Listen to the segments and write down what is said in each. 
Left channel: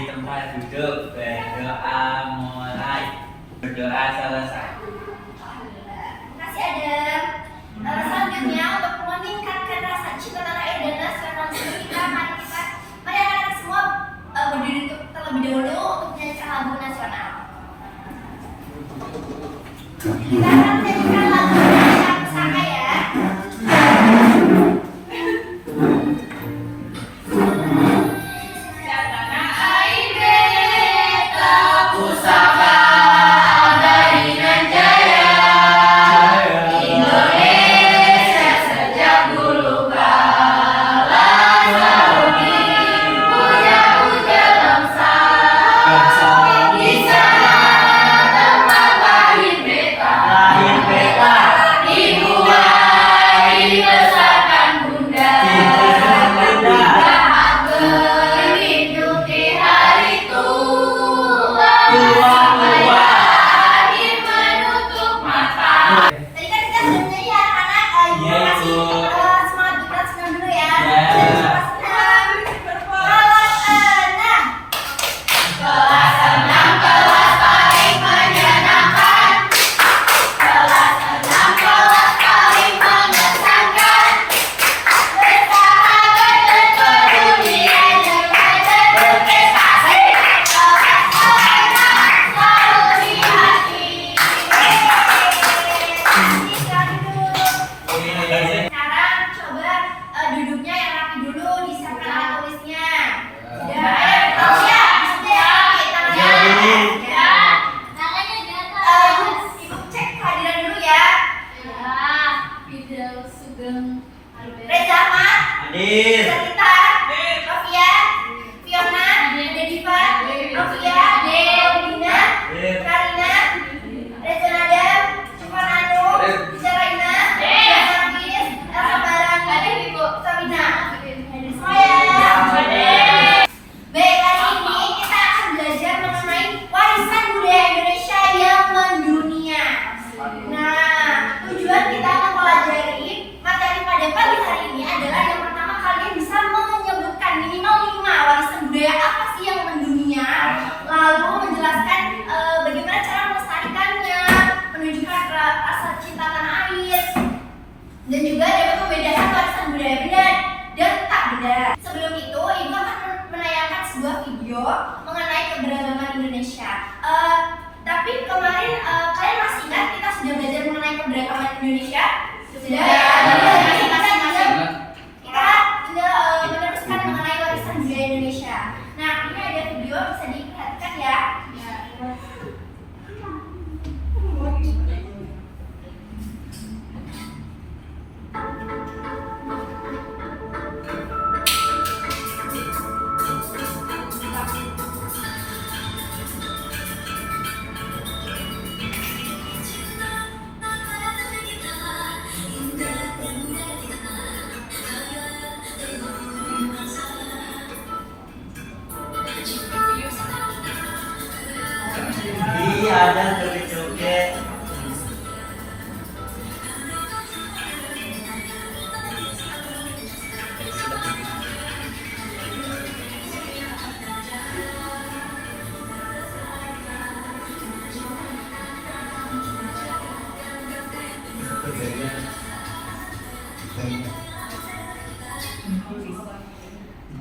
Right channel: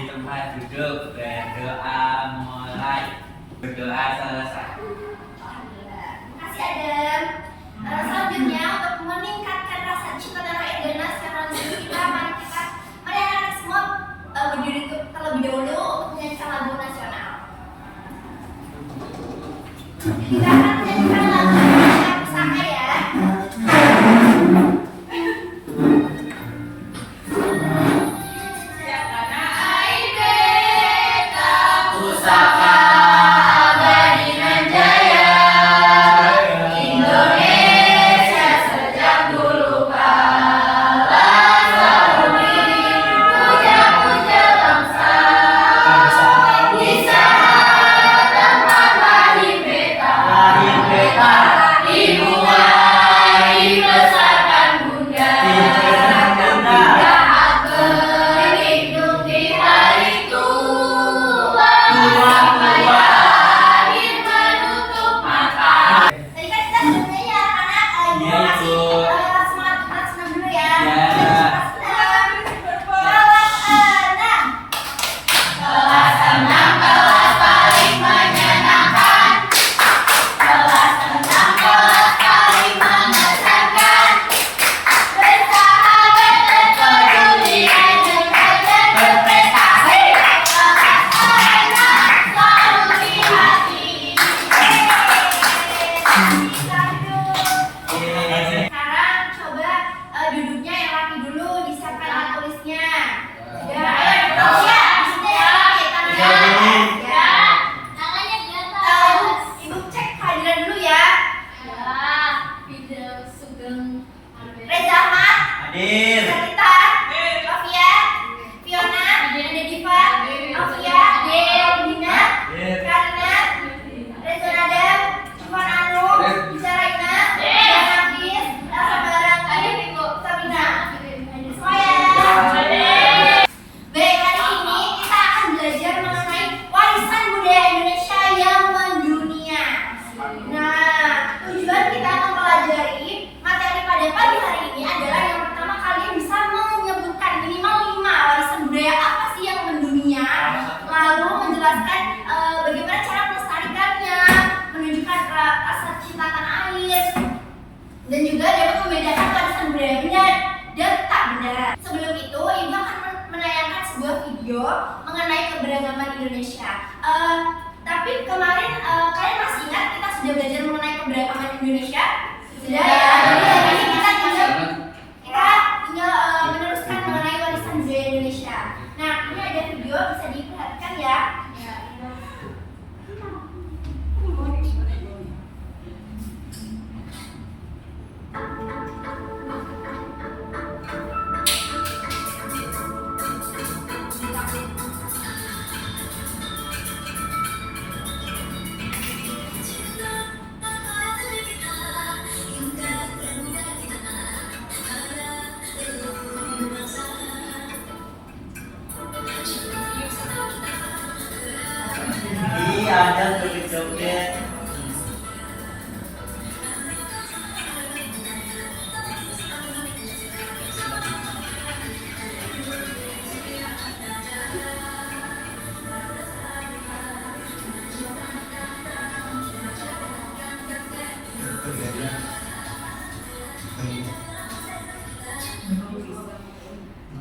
di tempat duduk, berdoa mulai. Berdoa selesai. Makasih Adam. Selanjutnya untuk meningkatkan rasa cinta tanah air dan nasionalisme kita, mari anak-anak semua berdiri terlebih dahulu untuk menyanyikan lagu nasional. Kita akan menyanyikan lagu Indonesia Pusaka ya. Duduknya yang rapi dulu, disiapkan alat tulisnya. Ya, ya, tangannya di atas. Ibu cek kehadiran dulu ya. Fidel Sugeng, Reza Ahmad, Hadir. Sarita, Rafia, Fiona, Diva, Rafia, Dina, Karina, Reza Nadam, Cuman Anu, Bisa Raina, Hafiz, Elsa Barang, Sabina. Baik, hari ini kita akan belajar mengenai warisan budaya Indonesia yang mendunia. Nah, tujuan kita akan pelajari materi pada pagi hari ini adalah yang pertama, kalian bisa menyebutkan minimal 5 warisan budaya apa sih yang mendunia, lalu menjelaskan bagaimana cara melestarikannya, menunjukkan rasa cinta tanah air, dan juga dapat membedakan warisan budaya benda dan tak benda. Sebelum itu, Ibu akan menayangkan sebuah video mengenai keberagaman Indonesia. Tapi kemarin kalian masih ingat kita sudah belajar mengenai keberagaman Indonesia? Sudah ya. Jadi kita tinggal meneruskan mengenai warisan budaya Indonesia. Nah, ini ada video, bisa diperhatikan ya. Iya, ada joget-joget.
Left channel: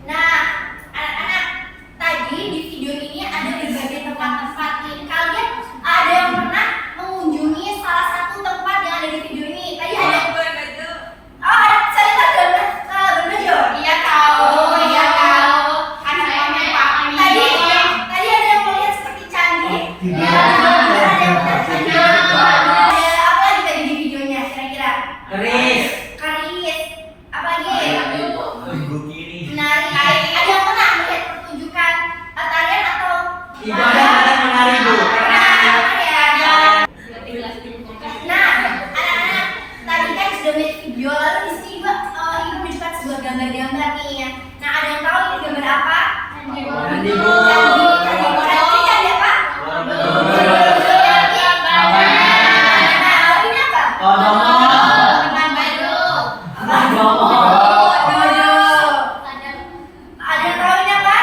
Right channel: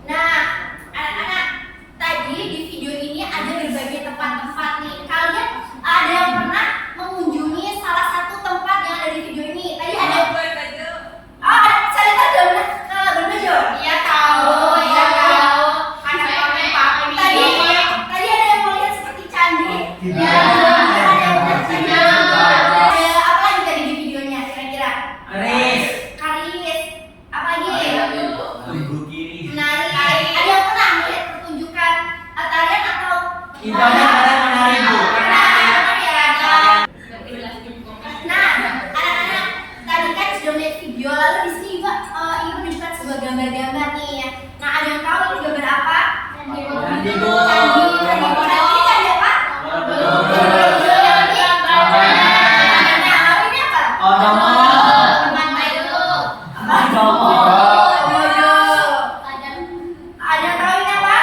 Nah, anak-anak, tadi di video ini ada berbagai tempat-tempat nih. Kalian ada yang pernah mengunjungi salah satu tempat yang ada di video ini? Tadi ada. Oh, ada. Saya tahu udah pernah berbajo. Iya tahu. Iya tahu. Tadi ada yang melihat seperti candi. Ya. Ada yang melihat candi. Ada apa lagi tadi di videonya? Kira-kira? Keris. Karis. Apa lagi? Lembu kiri. Menari. Ada yang pernah melihat pertunjukan tarian atau Ibadah pada menari, Bu. Nah, anak-anak, tadi kan sudah melihat video, lalu di sini Ibu ingin menunjukkan sebuah gambar-gambar nih ya. Nah, ada yang tahu ini gambar apa? Candi, Bu. Candi. Ini candi apa? Nah, lalu ini apa? Ada yang tahu ini apa?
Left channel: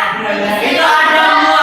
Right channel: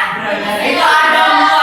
Itu ada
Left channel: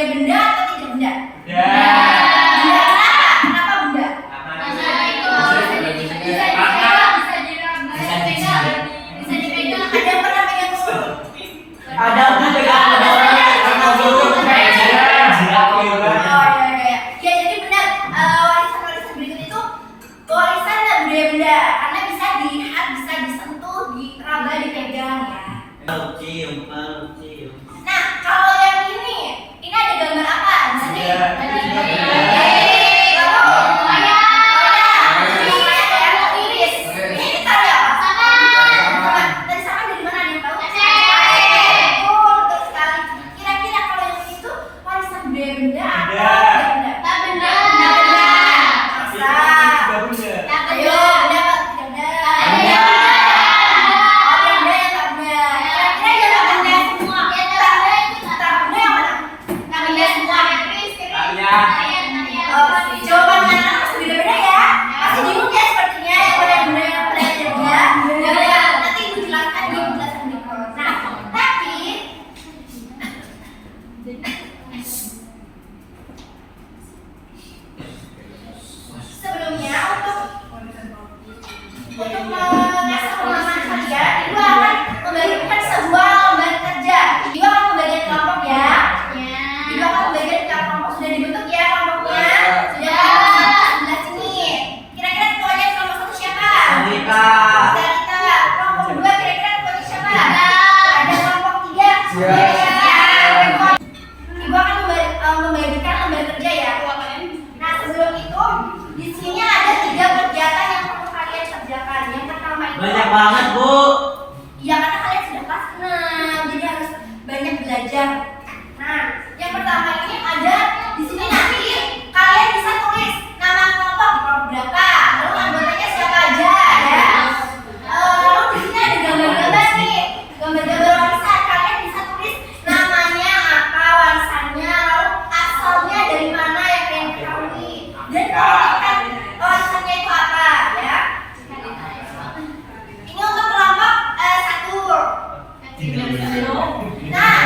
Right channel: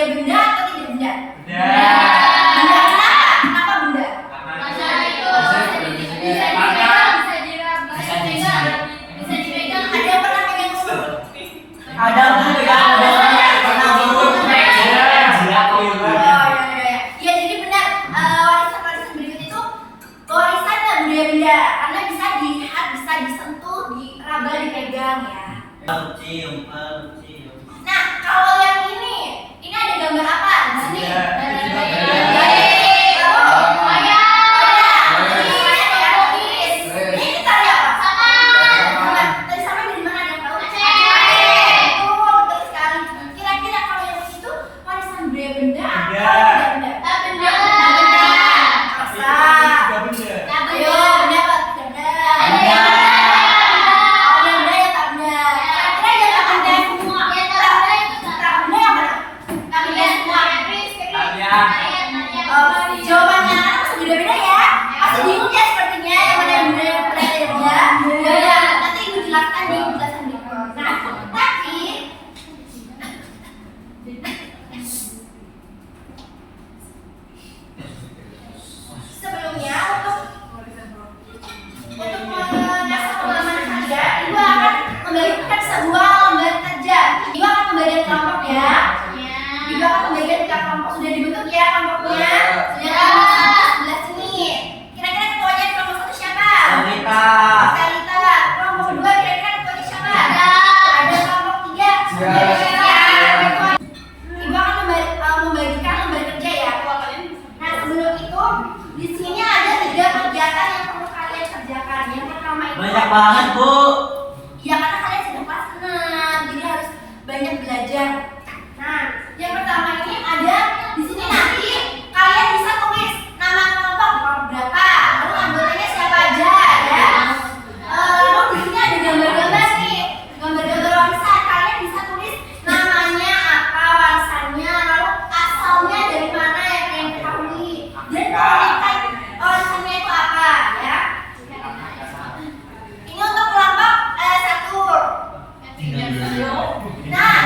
budaya benda atau tidak benda? Ya. Benda kenapa? Kenapa benda? Ada yang pernah pegang dulu? Ada aku pegang karena burung kayak jirat Oh gitu. ya. Ya jadi benar warisan berikut itu warisan dan budaya benda karena bisa dilihat, bisa disentuh, diraba, dipegang ya. Cium. Nah kalau yang ini ada gambar apa di sini? Ya. Ini karya apa? Dari sana dari mana ada yang tahu? Betul sekali. Kira-kira kalau yang itu warisan budaya benda atau tidak benda? Masa? Ayo, benda apa? Benda. Benda. Oh, benda ya tak benda. Kira-kira yang tak benda semua. Tak benda yang mana? Tak benda semua. Oh, jawabannya masih beda-beda ya. Masih bingung ya sepertinya yang mana yang benda yang benda yang benda. Ya udah, nanti ibu jelaskan di penjelasan berikut. Nah, tapi sebelumnya untuk mengasah pemahaman kalian, ibu akan membagikan sebuah lembar kerja. Ibu akan membagikan kelompok ya. Ibu akan membagikan kelompok, sudah dibentuk ya kelompoknya. Sudah kelompok sebelah sini. Kira-kira ketuanya kelompok satu siapa? Sarita. Sarita. Kelompok kedua kira-kira ketuanya siapa? Ada kelompok tiga. Ibu akan membagikan lembar kerja ya. Nah sebelum itu di sini ada 3 kegiatan yang perlu kalian kerjakan. Yang pertama itu Banyak banget, Bu. ya karena kalian sudah kelas 6, jadi harus banyak belajar. Nah, yang pertama ini ada di sini nanti kalian bisa tulis nama kelompok berapa, lalu anggotanya siapa aja ya. Lalu di sini ada gambar-gambar nih, gambar-gambar warisan. Kalian bisa tulis namanya apa, warisannya, lalu asalnya dari mana yang kalian ketahui, dan kalian warisannya itu apa ya. Ini untuk kelompok 1. Nah,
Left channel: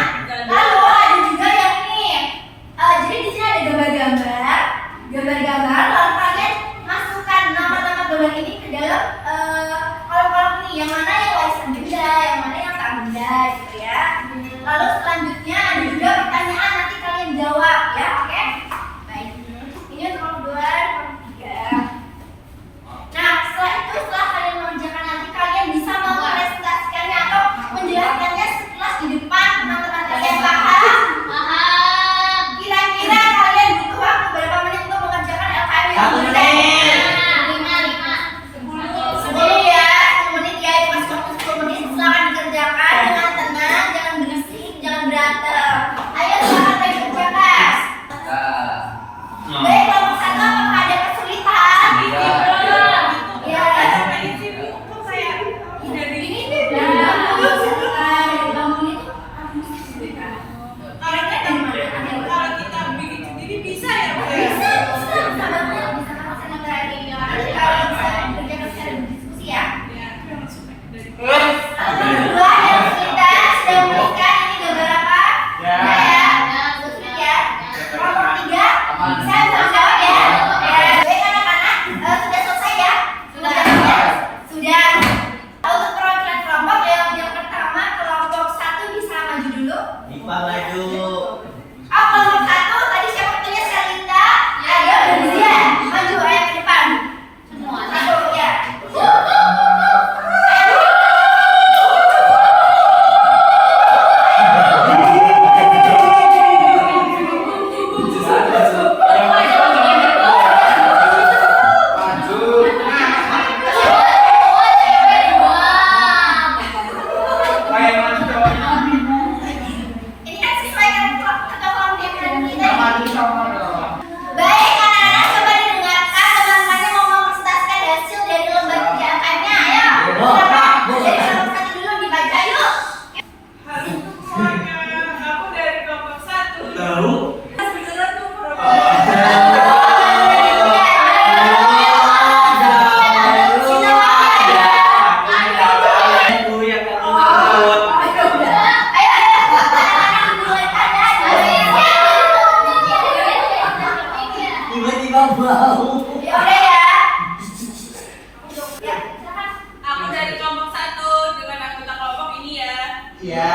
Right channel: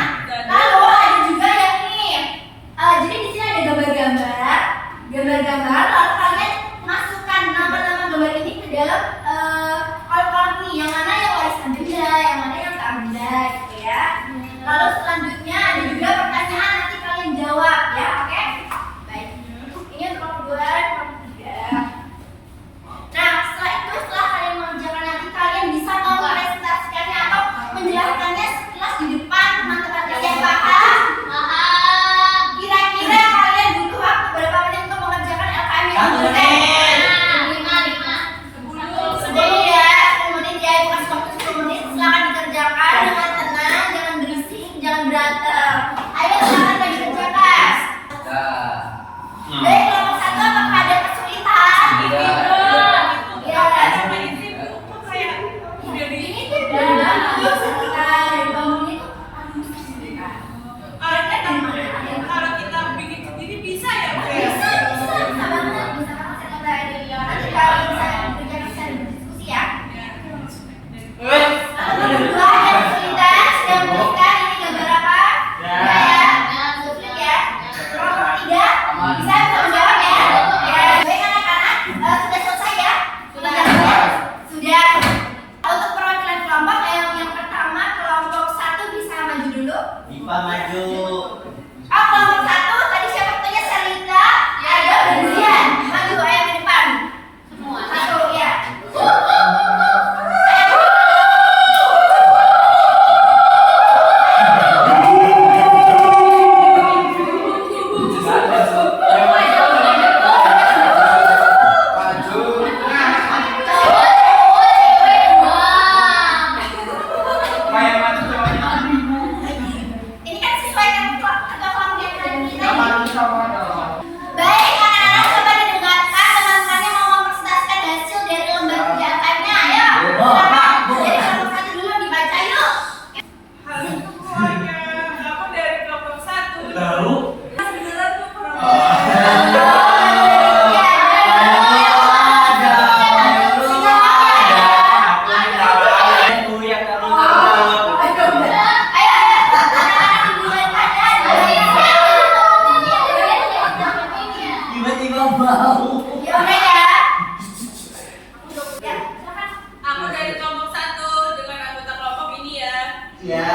lalu ada juga yang ini. Jadi di sini ada gambar-gambar, lalu kalian masukkan nama-nama gambar ini ke dalam kolom-kolom ini. Yang mana yang warisan benda, yang mana yang tak benda, gitu ya. Lalu selanjutnya ada juga pertanyaan, nanti kalian jawab ya, oke? Baik. Ini untuk kelompok 2, kelompok 3. Nah, setelah itu, setelah kalian mengerjakan nanti kalian bisa mempresentasikannya atau menjelaskannya sekilas di depan teman-teman kalian. Paham? Kira-kira kalian butuh waktu berapa menit untuk mengerjakan LKM yang 1 diberikan? menit. 10 ya, 10 menit ya, itu masih waktu 10 menit. Silakan dikerjakan dengan tenang, jangan berisik, jangan berantem. Ayo silakan dikerjakan. Baik, kelompok 1 apakah ada kesulitan? Iya. Ini tuh dari bambu, dari bambu itu. Kira-kira dari mana? Ada yang tahu? Bisa bisa banget, bisa kamu sama tadi nanti kalian bisa dikerjakan secara berdiskusi ya. Lalu yang kedua ada kesulitan, sudah memberikan ini gambar apa? Ya. Sudah ya. Kelompok 3 bisa menjawab ya. Baik anak-anak, sudah selesai ya? Sudah. Untuk perwakilan kelompok yang pertama kelompok 1 bisa maju dulu. Diva maju. Oh, kelompok 1 tadi siapa katanya Sarita? Ayo Dian, maju ayo ke depan. Semua. Satu ya. Ayo. Ya udah ya. Ya, silakan. Aku dari kelompok 1 dengan anggota kelompok ini ya. Ya.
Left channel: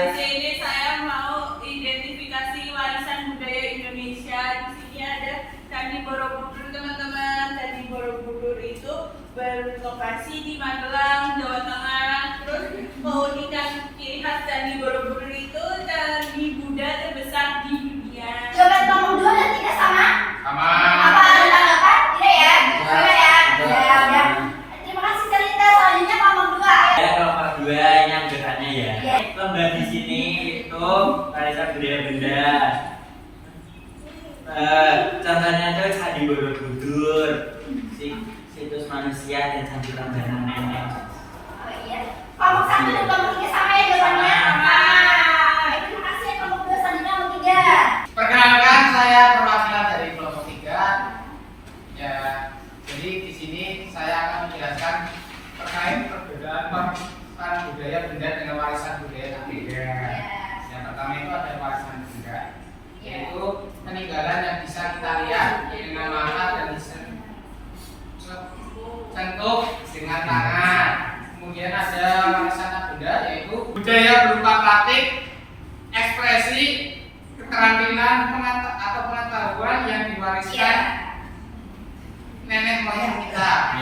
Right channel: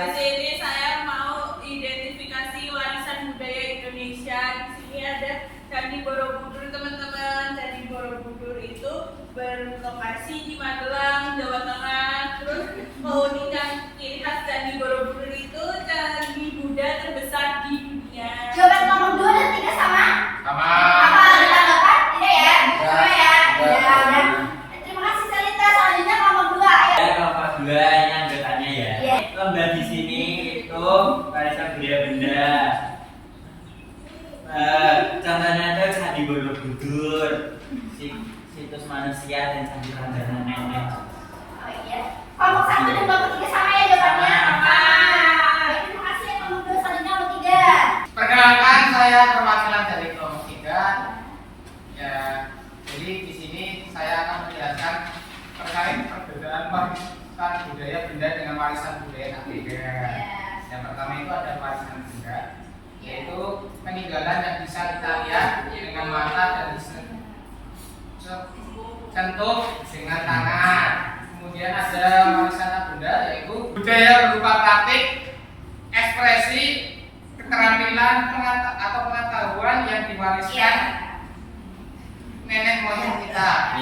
Di sini saya mau identifikasi warisan budaya Indonesia. Di sini ada Candi Borobudur, teman-teman. Candi Borobudur itu berlokasi di Magelang, Jawa Tengah. Terus keunikan ciri khas Candi Borobudur itu candi Buddha terbesar di dunia. Jawaban nomor 2 dan 3 sama? Sama. Apa ada tanggapan? Tidak ya? Sudah ya? Sudah. Ya, udah. Terima kasih Salita. Selanjutnya kelompok 2. Ayo. Ya, kelompok 2 ini anggotanya ya. Iya. Lomba di sini itu warisan budaya benda. Contohnya itu Candi Borobudur, situs manusia dan Candi Prambanan Nenek. Oh iya. Kelompok 1 dan kelompok 3 sama ya jawabannya? Sama. Baik, terima kasih ya kelompok 2. Selanjutnya kelompok 3. Perkenalkan, saya perwakilan dari kelompok 3. Ya, jadi di sini saya akan menjelaskan terkait perbedaan warisan budaya benda dengan warisan budaya ketiga. Yang pertama itu ada warisan benda, yaitu peninggalan yang bisa kita lihat dengan mata dan disentuh dengan tangan. Kemudian ada warisan benda, yaitu budaya berupa praktik, ekspresi, keterampilan atau pengetahuan yang diwariskan nenek moyang kita.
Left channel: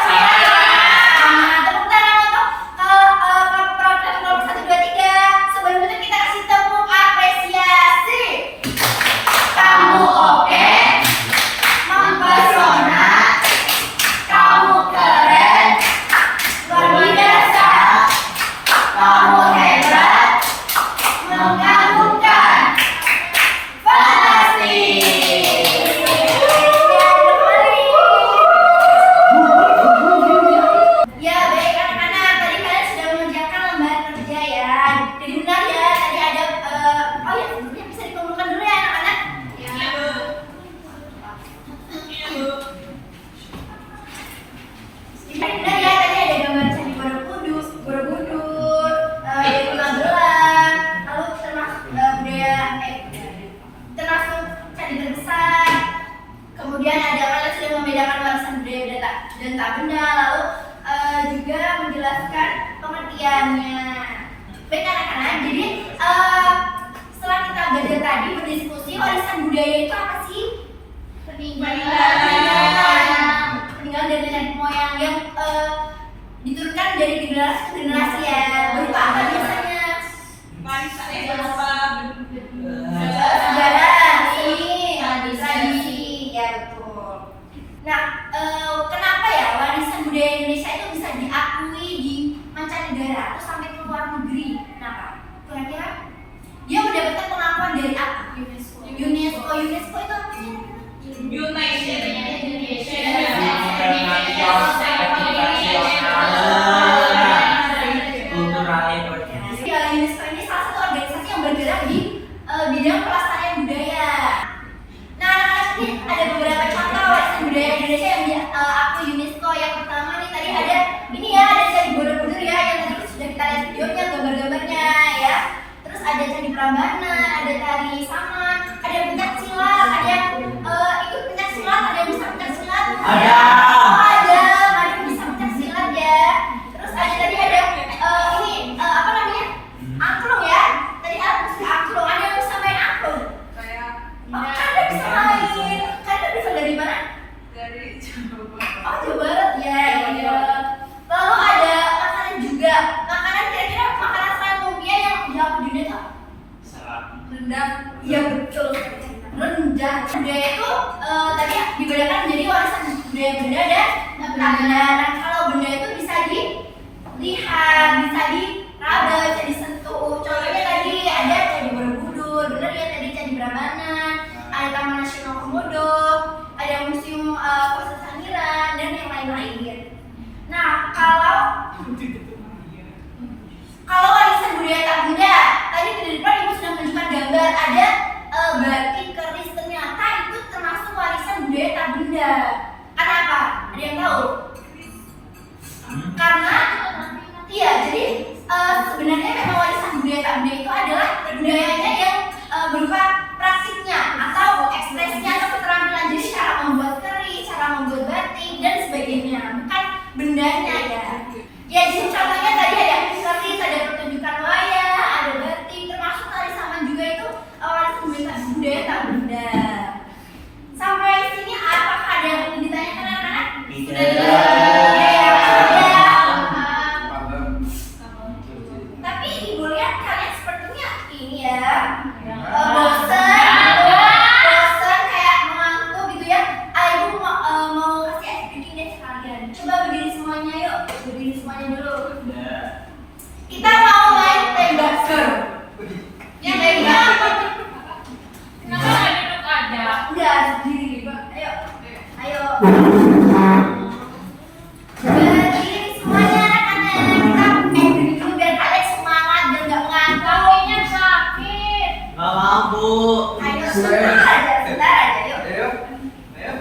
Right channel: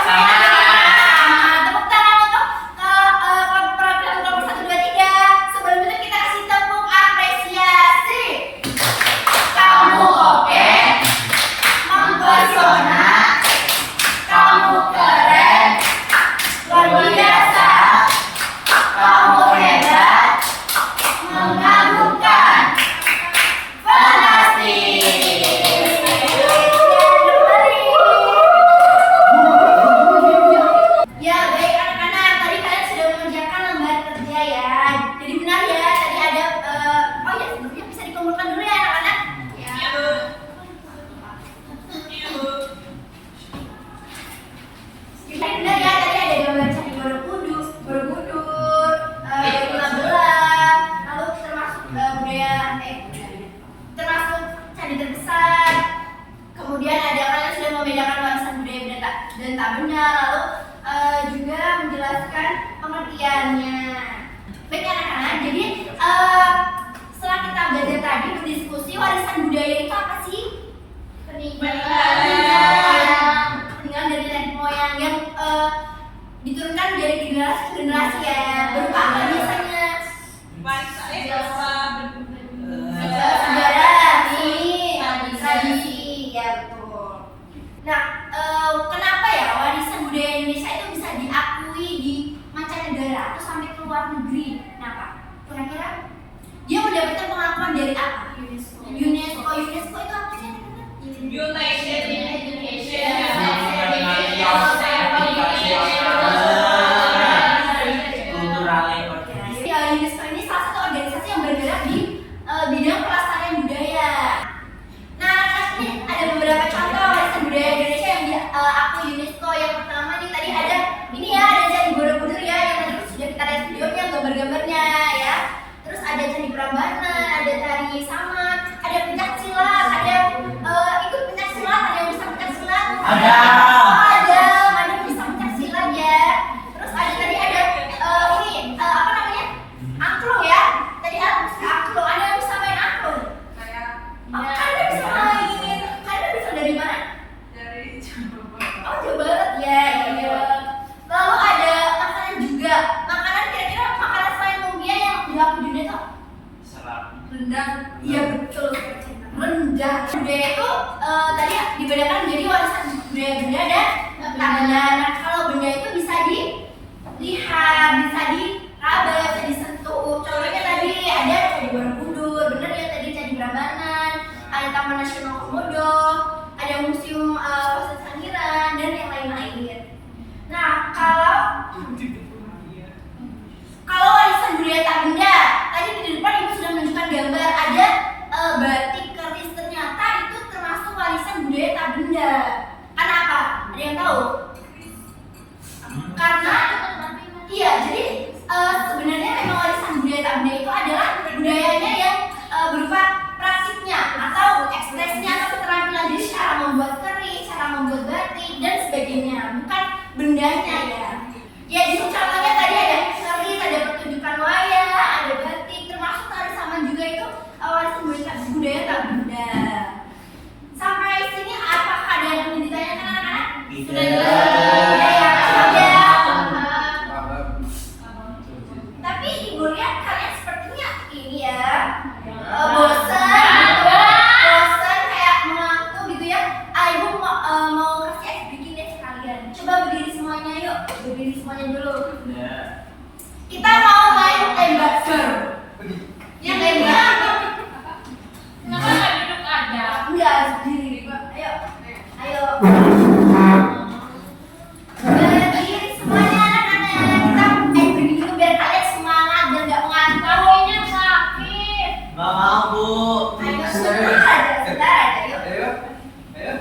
Sama. Tepuk tangan untuk perwakilan kelompok 1, 2, 3. Sebelum itu kita kasih tepuk apresiasi. Kamu oke, mempesona, kamu keren, luar biasa, kamu hebat, mengagumkan, fantastis. Ya baik anak-anak, tadi kalian sudah mengerjakan lembar kerja ya. Jadi benar ya, tadi ada oh ya sebelumnya bisa dikumpulkan dulu ya anak-anak. Ya. Iya, Bu. Iya, Bu. Benar ya, tadi ada gambar Candi Borobudur, dari Magelang, lalu termasuk termasuk candi terbesar. Kemudian ada kalian sudah membedakan warisan budaya dan tak benda, lalu juga menjelaskan pengertiannya. Baik anak-anak, jadi setelah kita belajar tadi berdiskusi warisan budaya itu apa sih? Peninggalan dari nenek moyang yang diturunkan dari generasi ke generasi ya. Berupa apa biasanya? Warisan berupa Sejarah, tradisi, ya betul. Nah, kenapa ya warisan budaya Indonesia itu bisa diakui di mancanegara atau sampai ke luar negeri? Kenapa? Kira-kira dia mendapatkan pengakuan dari apa? UNESCO itu apa sih? Ya, UNESCO ini salah satu organisasi yang bergerak di bidang pelestarian budaya. Nah, anak-anak ini ada beberapa contoh warisan budaya Indonesia yang diakui UNESCO. Yang pertama nih tadi ada ini ya, ada Candi Borobudur ya, yang tadi sudah kita lihat videonya, gambar-gambarnya ya. Terus ada Candi Prambanan, ada tari saman, ada pencak silat, ada ikut pencak silat, ada yang bisa pencak silat. Ada bisa pencak silat ya. Terus ada tadi ada ini apa namanya? Angklung ya. Tadi aku bisa angklung, ada yang bisa main angklung. saya Oh, Kanda bisa main. Kanda bisa dari mana? dari Jawa. Oh, Jawa Barat ya. Iya. Lalu ada makanan juga. Makanan kira-kira makanan selain lumpia yang dilaku di dunia tuh rendang. Iya betul. Rendang. Budaya itu tadi dibedakan menjadi warisan budaya benda dan tak benda. Nah, kalau benda itu bisa dilihat, bisa diraba, bisa disentuh. Contohnya tadi ada Candi Borobudur, bener ya tadi Candi Prambanan, ada Taman Nasional Komodo, ada Museum Fosil Sangiran dan yang lain-lain. Nah, kalau warisan budaya tak benda, tadi di depan ibu sudah menunjukkan gambar ada batik keris, ternyata itu termasuk warisan budaya tak benda. Kenapa? Ada yang tahu? Karena iya, jadi sebenarnya memang warisan budaya tak benda itu adalah budayanya yang berupa praktiknya atau budayanya, bukan bendanya ya. Ya di contohnya tadi ada keris, ada pertunjukan wayang, ada batik, termasuk tari saman juga itu warisan budaya tak benda. Sampai sini apakah ada yang ingin ditanyakan anak-anak? Sudah jelas? Tapi ibu lihat kalian sepertinya ini ya, bosan kayak mengantuk gitu ya. Ibu mau kasih es bikin deh sekalian. Coba berdiri semuanya yuk, berdiri semuanya dulu. Kita mau main tembak seru. Ya tembak. Kenapa nggak duduk aja? Enggak, berdiri. Ayo, ayo. Berdiri semuanya anak-anak. Kita berdiri dulu biar kalian semangat dan nggak ngantuk. Kakinya sakit. Nggak mau Bu. Ayo, sebentar aja, yuk. Ayo.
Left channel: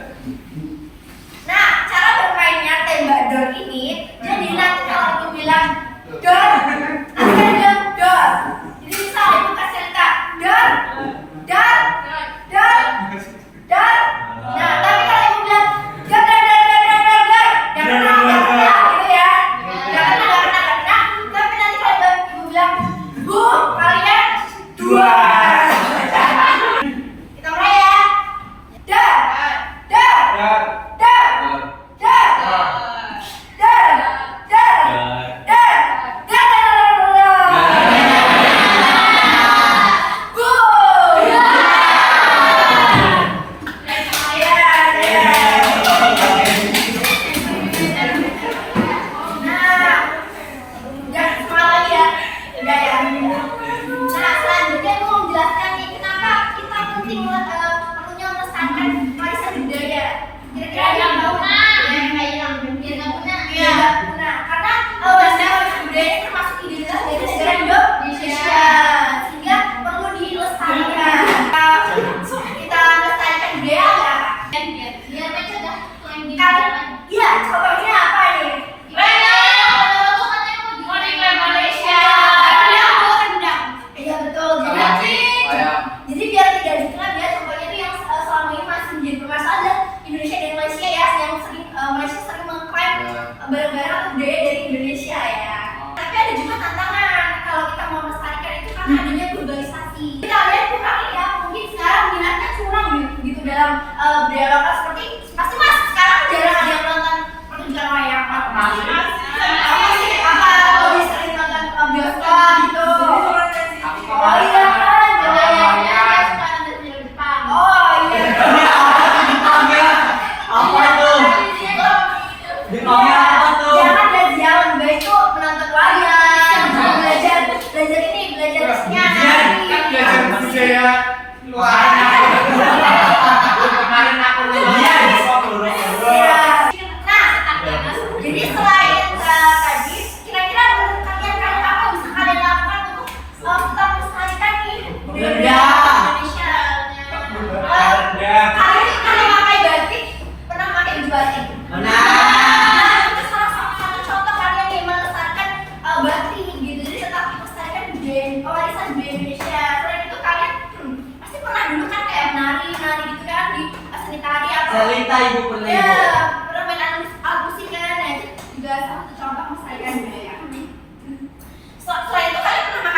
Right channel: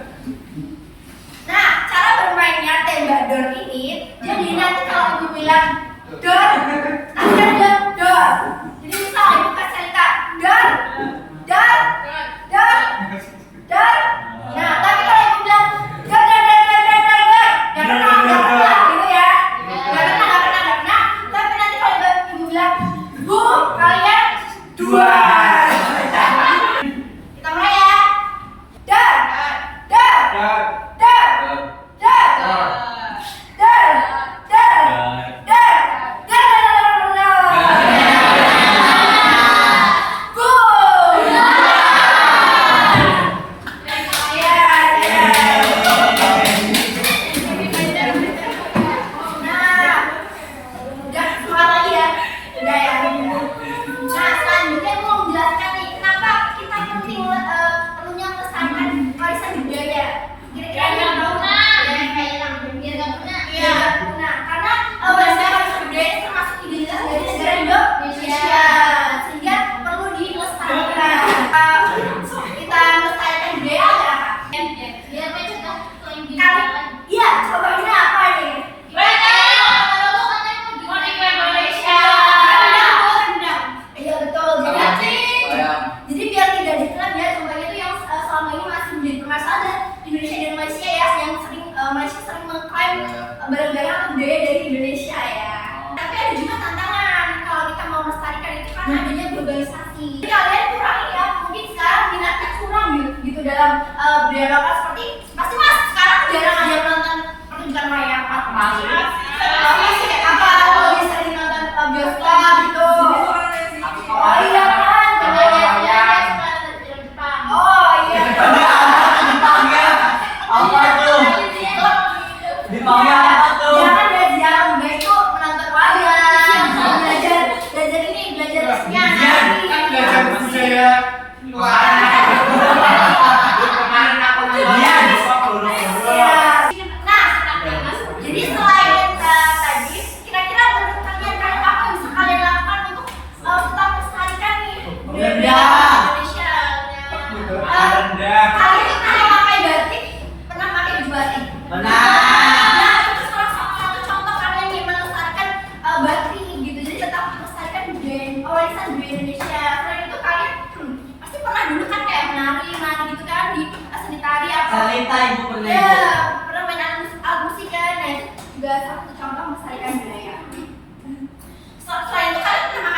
Nah, cara bermainnya tembak dor ini, jadi nanti kalau ibu bilang dor, nanti kan bilang dor. Jadi misal ibu kasih cerita dor, dor, dor, dor. Nah, tapi kalau ibu bilang dor, jangan kena gitu ya. Jangan kena. Tapi nanti kalau ibu bilang bu, kalian dua. Kita mulai ya. Dor, dor, dor, dor. Nah, selanjutnya mau menjelaskan nih kenapa kita penting perlunya melestarikan warisan budaya. Kira-kira ada yang tahu? Biar nggak punah. Iya. Nah, karena warisan budaya ini termasuk identitas dari negara Indonesia, sehingga perlu dilestarikan. Kita melestarikan budaya ada apa? Biar mencegah yang di Iya, contohnya apa nih? Iya betul. Jadi biar tidak dikenal ya, contohnya itu yang selama ini masih menjadi permasalahan dan Indonesia dan Malaysia ya, yang sering Malaysia sering mengklaim barang-barang atau budaya dari Indonesia ya. Tapi ada juga tantangan kalau kita mau melestarikan itu karena adanya globalisasi. Kalian kurang ya, mungkin sekarang minatnya kurang gitu dalam budaya lokal seperti pasti mas sekarang jarang ada yang nonton pertunjukan wayang apa masih apa lebih sering nonton bioskop gitu. Oh iya kan, oh iya. Apa itu? Di maunya apa tuh? Jangan belajar lebih baik tuh menonton wayang, belajar ini, belajar nyanyi. Kan belajar budaya luar. Kemarin aku lihat di Nah, jadi selain tadi, kira-kira menurut kalian apa yang bisa kalian lakukan untuk tetap melestarikan nih budaya Indonesia? Kalian pernah pakai batik? Pernah pakai baju batik? Benar. Nah, itu salah satu contoh kalian nih melestarikan batik gitu. Jadi tetap melestarikan warisan budaya Indonesia. Selain itu kalian pasti pernah dulu kan kayak menari gitu kan di seni tari apa? Cerita ibu pernah Ya, ibu. pernah main alat musik kan? Nah, itu juga salah satu contoh melestarikan budaya. Selain itu kalian pernah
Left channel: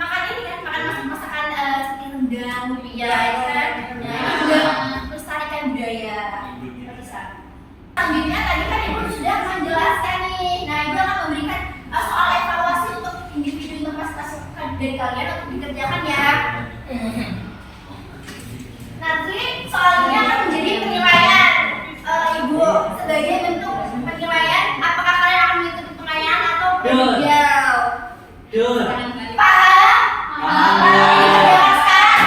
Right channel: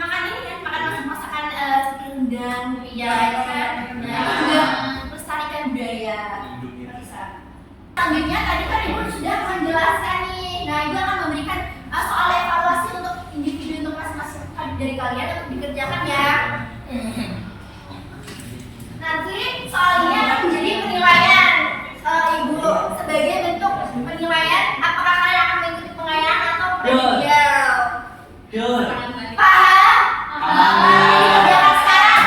makan ini kan? Makan masakan seperti rendang, lumpia, itu kan? Nah, itu juga melestarikan budaya. Bisa. Selanjutnya tadi kan ibu sudah menjelaskan nih. Nah, ibu akan memberikan soal evaluasi untuk individu untuk masing-masing dari kalian untuk dikerjakan ya. Nanti soal ini akan menjadi penilaian ibu sebagai bentuk penilaian apakah kalian akan mengikuti pengayaan atau remedial. Dur. Paham? Paham.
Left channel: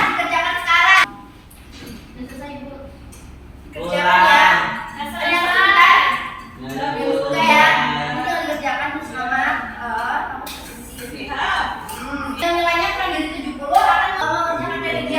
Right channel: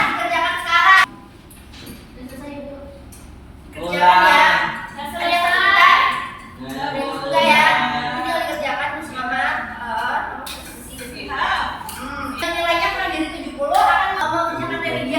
Dikerjakan sekarang. Dikerjakan ya. Ternyata sebentar. Juga ya. Tinggal dikerjakan bersama. Nilainya kurang dari 70 akan mengerjakan remedial.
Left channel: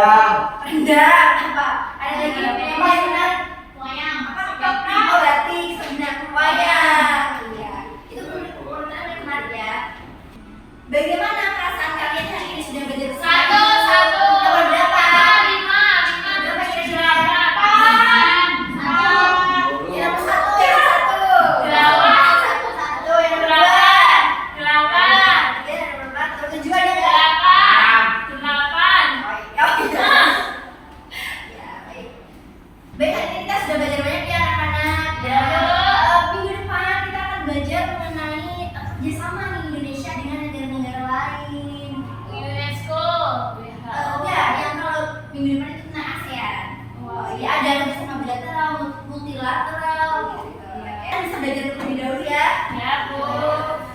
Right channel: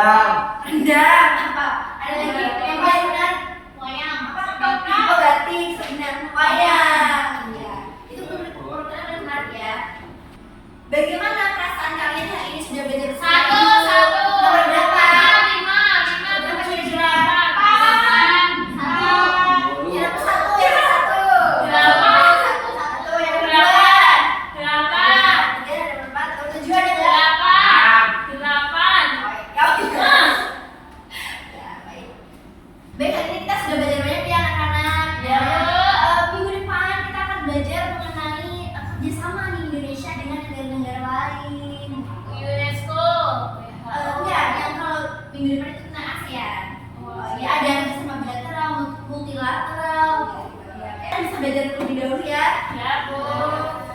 Rendang. Rendang apa? Ada lagi yang paling benar? Wayang. Oh, batik, benar. Wayang. Iya. Itu urutannya paling benar ya. Bagaimana perasaan kalian hari ini sudah belajar Satu. Nomor berapa? Lima. Berapa kira-kira? Satu. Yang nomor satu, yang nomor satu. Delapan. Satu, yang nomor dua. Delapan. Tiga, yang nomor empat. Nomor tujuh ada nggak? Delapan. Ya, baik. Baik, hari ini kita sudah belajar banyak ya anak-anak. Ya. Minggu depan kita akan belajar mengenai kerjasama nih Indonesia dengan negara-negara lain. UNESCO. Enggak, yang kalau minggu depan itu tentang ASEAN. Ya ada kerjasama bilateral, multilateral. Gitu. Ya, bisa belajar terlebih dahulu ya. Ya, Bu.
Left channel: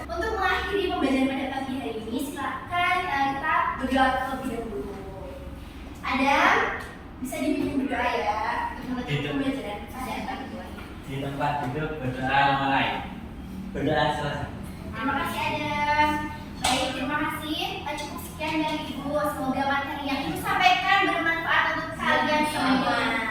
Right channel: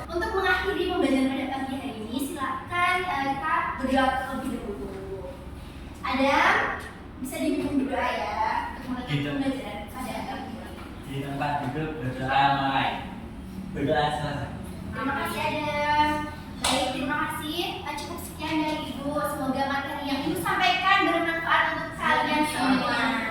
Untuk mengakhiri pembelajaran pada pagi hari ini, silakan kita berdoa terlebih dahulu. Adam, bisa dipimpin berdoa ya untuk menutup pembelajaran pada pagi ini. Di tempat duduk berdoa mulai. Berdoa selesai. Terima kasih Adam. Baik, terima kasih. Cukup sekian dari Ibu. Semoga materi yang Ibu sampaikan bermanfaat untuk kalian semua.